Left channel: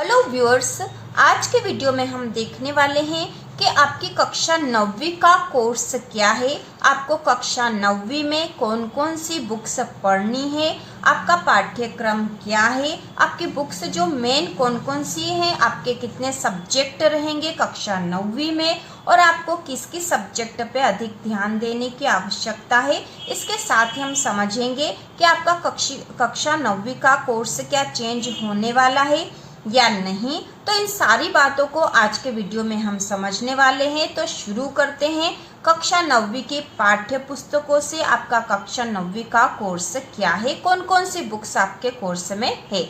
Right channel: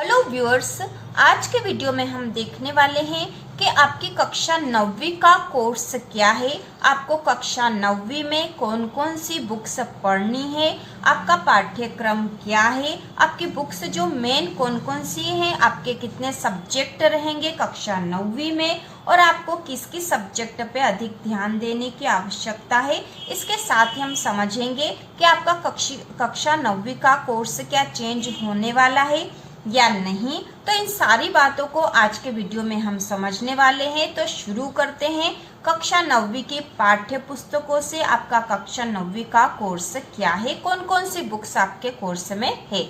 Hello viewers, आज के video में हम देखने वाले हैं कि आपकी कक्षा 9वीं का कोर्स क्या है, आपको कक्षा 9वीं में कौन कौन सी बुक्स पढ़नी है, आपका पाठ्यक्रम क्या है, आपकी बुक्स जो मेन कौन कौन सी हैं, आपके कितने सब्जेक्ट रहेंगे कक्षा 9वीं में और आपको किस किस सब्जेक्ट पे अधिक ध्यान देने की आवश्यकता है। इसके साथ ही हम समझेंगे कि आपका कक्षा 9वीं का कोर्स क्या चेंज होने वाला है या नहीं। तो इन सारी बातों को आज के वीडियो में हम समझने वाले हैं। तो शुरू करते हैं कक्षा 9वीं की पाठ्य पुस्तकों से। आपका कक्षा 9वीं का कोर्स क्या है, कौन कौन सी बुक्स आपके कोर्स में है।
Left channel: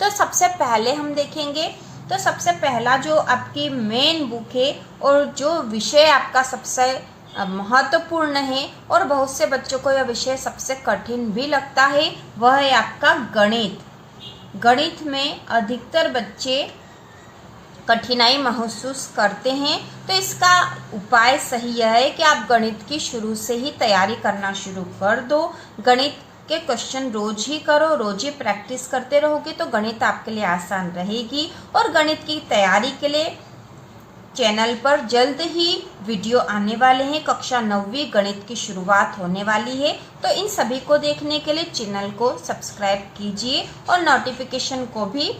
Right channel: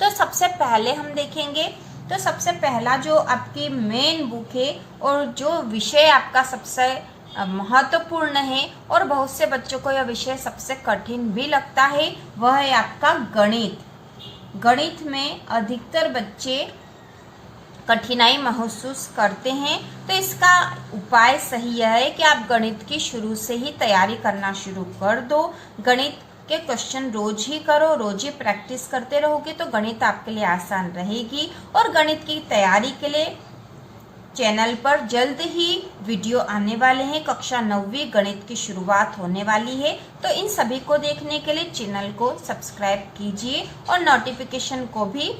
तो सबसे पहले हम देखेंगे, तो सबसे पहला जो आपकी मेन बुक है और जो विषय आपका सबसे महत्वपूर्ण है और बहुत से बच्चों को यह विषय सबसे कठिन भी लगता है, वह है आपका गणित। गणित में अधिकतर बच्चे कठिनाई महसूस करते हैं, तो इसका उपाय सही यह है कि आप गणित की शुरू से ही तैयारी करना शुरू कर दो। गणित के क्वेश्चन रोज ही करो, रोज ही प्रैक्टिस करते रहोगे तो गणित आपके लिए आसान रहेगी। और गणित की तैयारी के लिए चैनल पर जल्द ही वीडियो आने वाले हैं। कक्षा 9वीं गणित की शुरुआत होने वाली है, तो इन सभी को देखने के लिए चैनल को सब्सक्राइब कीजिए और नोटिफिकेशन को भी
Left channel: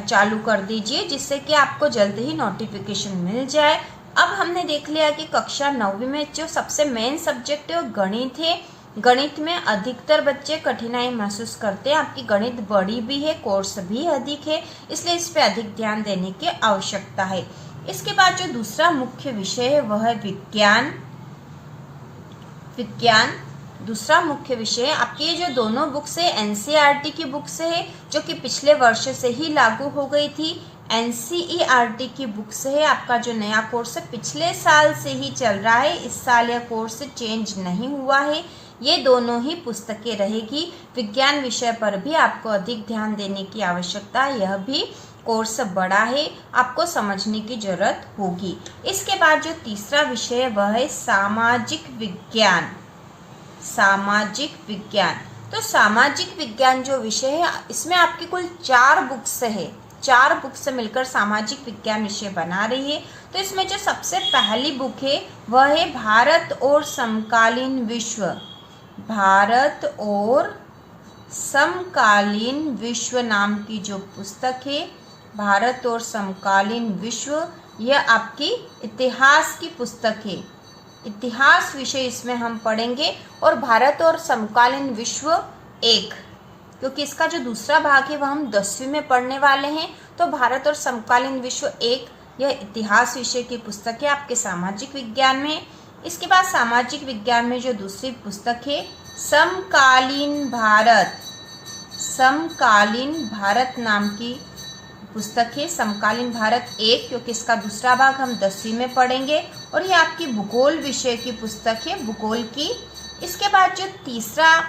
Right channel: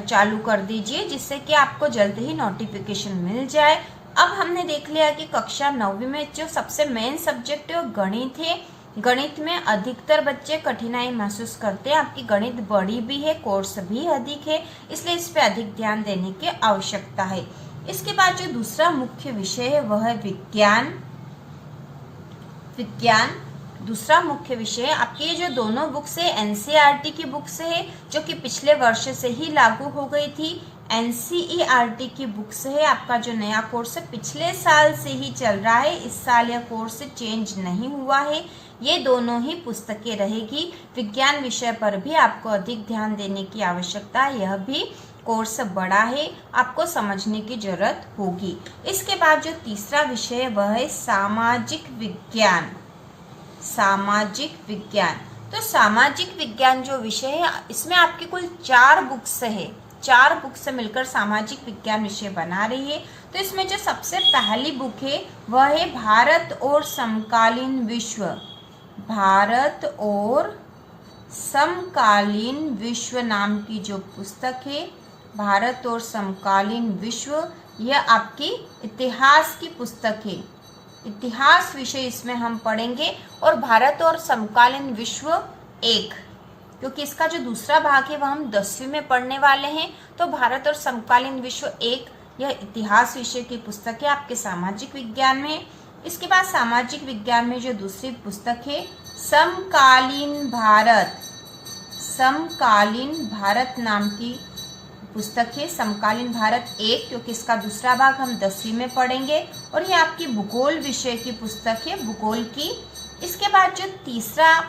चालू कर दीजिए, जिससे कि आपको जल्द ही नोटिफिकेशन मिल जाए। अब हमने देख लिया कि कक्षा 9वीं में जो सबसे मेन सब्जेक्ट है वो गणित है। गणित में अधिकतर बच्चे कठिनाई महसूस करते हैं। आपकी गणित बड़ी भी है, कोर्स भी अधिक है, इसलिए इस पे अधिक ध्यान देने की आवश्यकता है। इसके बाद जो दूसरा मुख्य विषय है वह है विज्ञान। दूसरा मुख्य विषय है। आपकी ये जो दोनों बुक्स है एनसीईआरटी की बुक्स है, जो कि पिछले वर्ष से ही लागू हो गई थी। एनसीईआरटी की बुक्स है। आपका जो नया कोर्स है पिछले साल से ही चल रहा है, इस साल यह कोर्स चेंज नहीं हुआ है। ये दोनों ही पुस्तकें रहेगी। विज्ञान विषय पर भी आपको अधिक ध्यान देने की आवश्यकता है, यह भी कोर्स बड़ा है, आपको समझने की जरूरत होगी। इसके बाद जो तीसरा विषय है वह है सामाजिक विज्ञान। तो सामाजिक विज्ञान जो विषय है, इसमें आपकी कुल 4 बुक्स है। 4 बुक्स मिलकर सामाजिक विज्ञान विषय बना रही है। तो इसमें जो सबसे पहली बुक है वह है भारत और समकालीन विश्व। भारत और समकालीन विश्व नाम की जो पुस्तक है, भारत और समकालीन विश्व, यह आपकी इतिहास की पुस्तक है। इतिहास विषय इसमें हम पढ़ेंगे। और भारत और समकालीन विश्व 1, क्योंकि इसका जो दूसरा भाग है वह हम 10वीं में पढ़ने वाले हैं। तो भारत और समकालीन विश्व 1 यह इतिहास विषय की पुस्तक है आपके सामाजिक विज्ञान में। इसके बाद सामाजिक विज्ञान में जो दूसरी पुस्तक है समकालीन भारत नाम की पुस्तक है। समकालीन भारत 1, क्योंकि इसका दूसरा भाग हम 10वीं में पढ़ेंगे। और ये आपकी भूगोल विषय की पुस्तक है, भूगोल की। इसके बाद जो तीसरा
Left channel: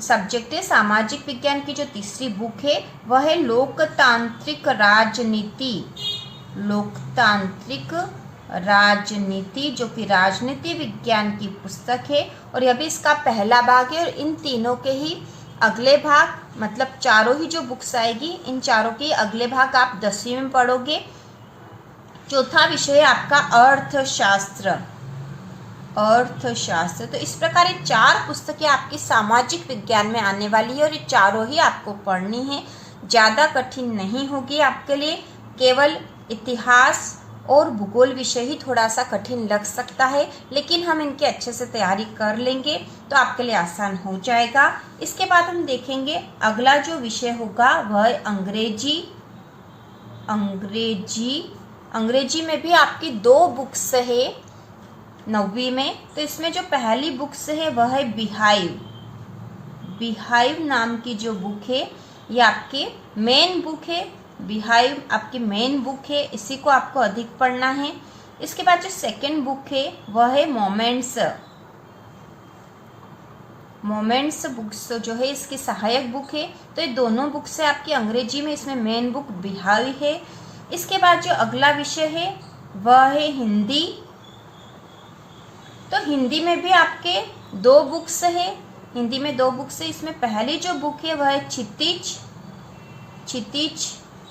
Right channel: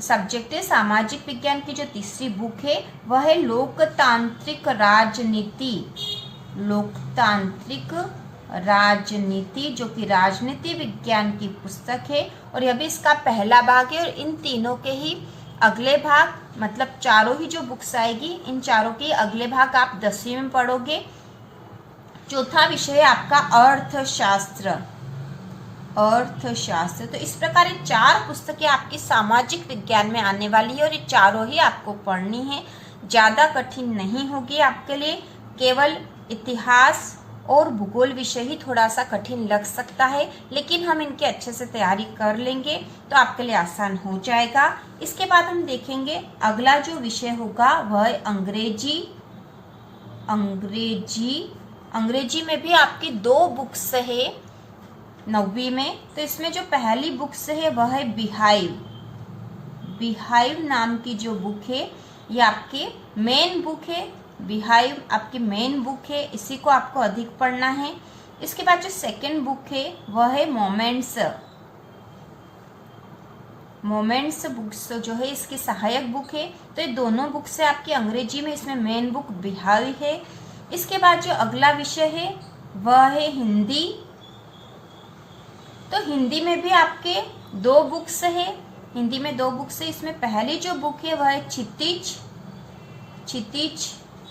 सब्जेक्ट है सामाजिक विज्ञान की, जो तीसरी बुक है वह है लोकतांत्रिक राजनीति, जो कि राजनीति विज्ञान की पुस्तक है। और यह भी इसका पहला भाग है। और इन तीनों के ही अगले भाग, मतलब चारों ही जो बुक्स आएगी, इन चारों के अगले भाग आप 10वीं में पढ़ोगे। चौथा विषय है आपका अर्थशास्त्र। तो इस प्रकार ये 4 पुस्तकें आपकी सामाजिक विज्ञान में आने वाली है और ये चारों ही आपको पढ़नी है। ज़्यादा कठिन नहीं होगी आपके लिए, केवल इतिहास और भूगोल विषय ही थोड़ा सा कठिन लग सकता है, लेकिन हम इनकी अच्छे से तैयारी कर लेंगे तो आपके लिए आसान हो जाएगा। इसके बाद हम देखेंगे अगला जो विषय होगा वह है अंग्रेजी में भी आपकी 2 बुक्स है 9वीं में। तो इसमें जो पहली बुक्स है वह है बिहाइव नाम की जो बुक है, ये आपके मेन बुक है। बिहाइव आपकी मेन बुक है, इसी को आपको अधिक पढ़ना है। इसके बाद जो सेकंड बुक है वह है मोमेंट्स बुक्स जो है इसकी सहायक बुक है। तो ये दोनों बुक्स है आपकी अंग्रेजी में, इसमें मेन बुक बिहाइव है। इसके बाद जो अगला विषय है वह है हिंदी। तो हिंदी में भी आपके 2 बुक्स है। हिंदी में 2 बुक्स है। इसमें पहली जो बुक है वह है क्षितिज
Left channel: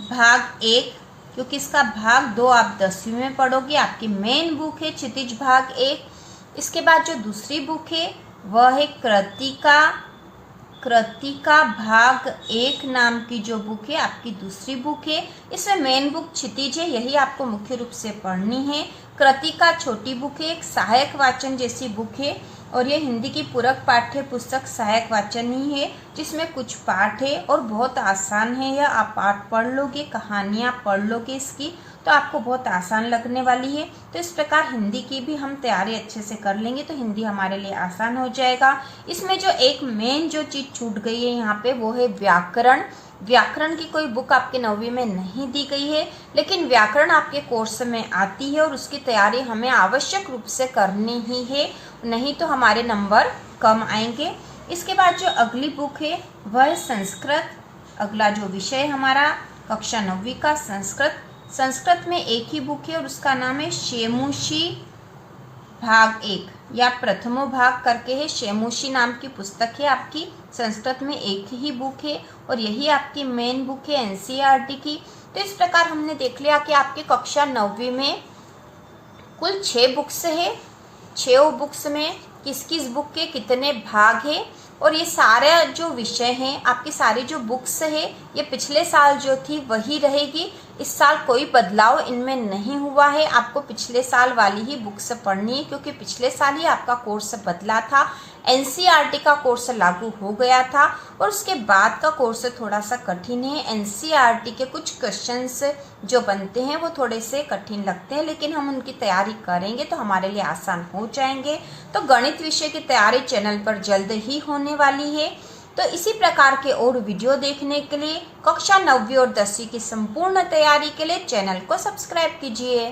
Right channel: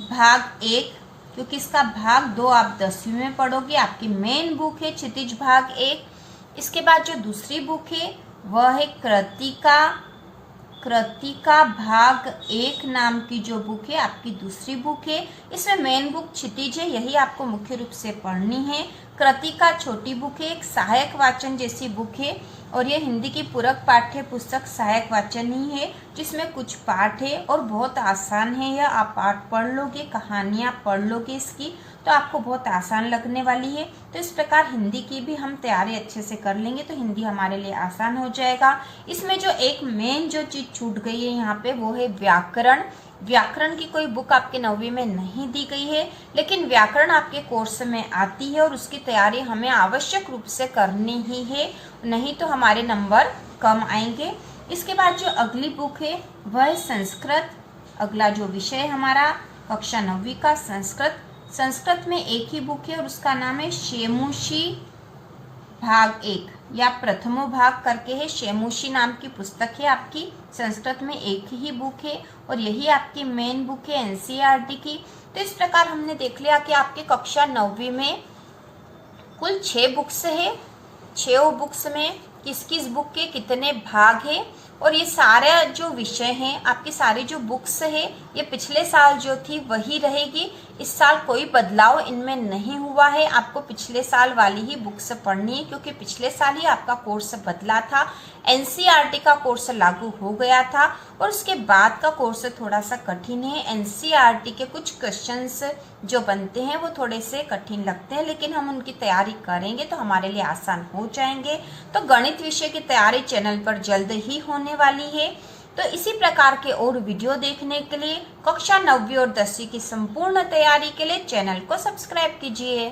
भाग 1, क्योंकि इसका भाग 2 आप 10वीं में पढ़ोगे। आपकी मेन बुक है क्षितिज भाग 1। इसके बाद जो दूसरी बुक है वह है कृतिका भाग 1 नाम की जो बुक है आपकी दूसरी बुक है। इसमें मेन बुक क्षितिज है, यही आपको मुख्य रूप से पढ़नी है। कृतिका छोटी बुक है, एक सहायक वाचन जैसी बुक है और ये हिंदी की पूरक पाठ्य पुस्तक सहायक वाचन ही है, जिसमें कुछ पाठ है और बहुत आसान है। यह आप पाठ पढ़ लोगे, कहानियाँ पढ़ लोगे इसकी, तो आपको बहुत आसान लगने वाली है। तो इस प्रकार हिंदी की भी हम तैयारी अच्छे से कर लेंगे तो हिंदी हमारे लिए आसान हो जाएगा। इसमें जो एक मेन जो चीज़ छूट गई है यहाँ पे वो है व्याकरण। व्याकरण की कोई बुक आपके 9वीं में नहीं दी गई है, लेकिन व्याकरण आपके कोर्स में आती है और उसकी तैयारी हमें आवश्यक रूप से करनी ही है, नहीं तो हमारे नंबर कम आएंगे। इसके बाद जो अगली बुक है वह है संस्कृत। अगला जो विषय है हमारा कक्षा 9वीं का संस्कृत में एक ही बुक है और उसका नाम है शेमुशी भाग 1 या प्रथमो भाग करके है। शेमुशी नाम की पुस्तक है आपकी, संस्कृत में एक ही बुक है और यही आपकी मेन बुक है एनसीईआरटी की। तो इस प्रकार हमने देख लिया कि आपकी कक्षा 9वीं में कुल 6 बुक्स है। 6 बुक्स में किस किस बुक के कितने भाग है और ये सारे जो विषय हैं आपकी सारी जो बुक्स है ये पिछले साल जो थी वही रहेगी। इस साल कोई बदलाव इनमें नहीं हुआ है। आपको पिछले साल वाली ही बुक्स पढ़नी है क्योंकि पिछले साल ही आपका कोर्स बदला था। एनसीईआरटी का कोर्स लागू हो गया था और उसके बाद का कोर्स थोड़ा सा कठिन है। एनसीईआरटी के कुछ क्वेश्चंस जो बनते हैं वो थोड़े से कठिन लगते हैं, लेकिन हम उनकी तैयारी करेंगे तो हमारे लिए आसान हो जाएंगे। तो गणित विषय की तैयारी चैनल पर जल्द ही होने वाली है। तो इसी प्रकार के और वीडियो देखने के लिए कक्षा 9वीं और 10वीं की संपूर्ण तैयारी के लिए चैनल को सब्सक्राइब कीजिए।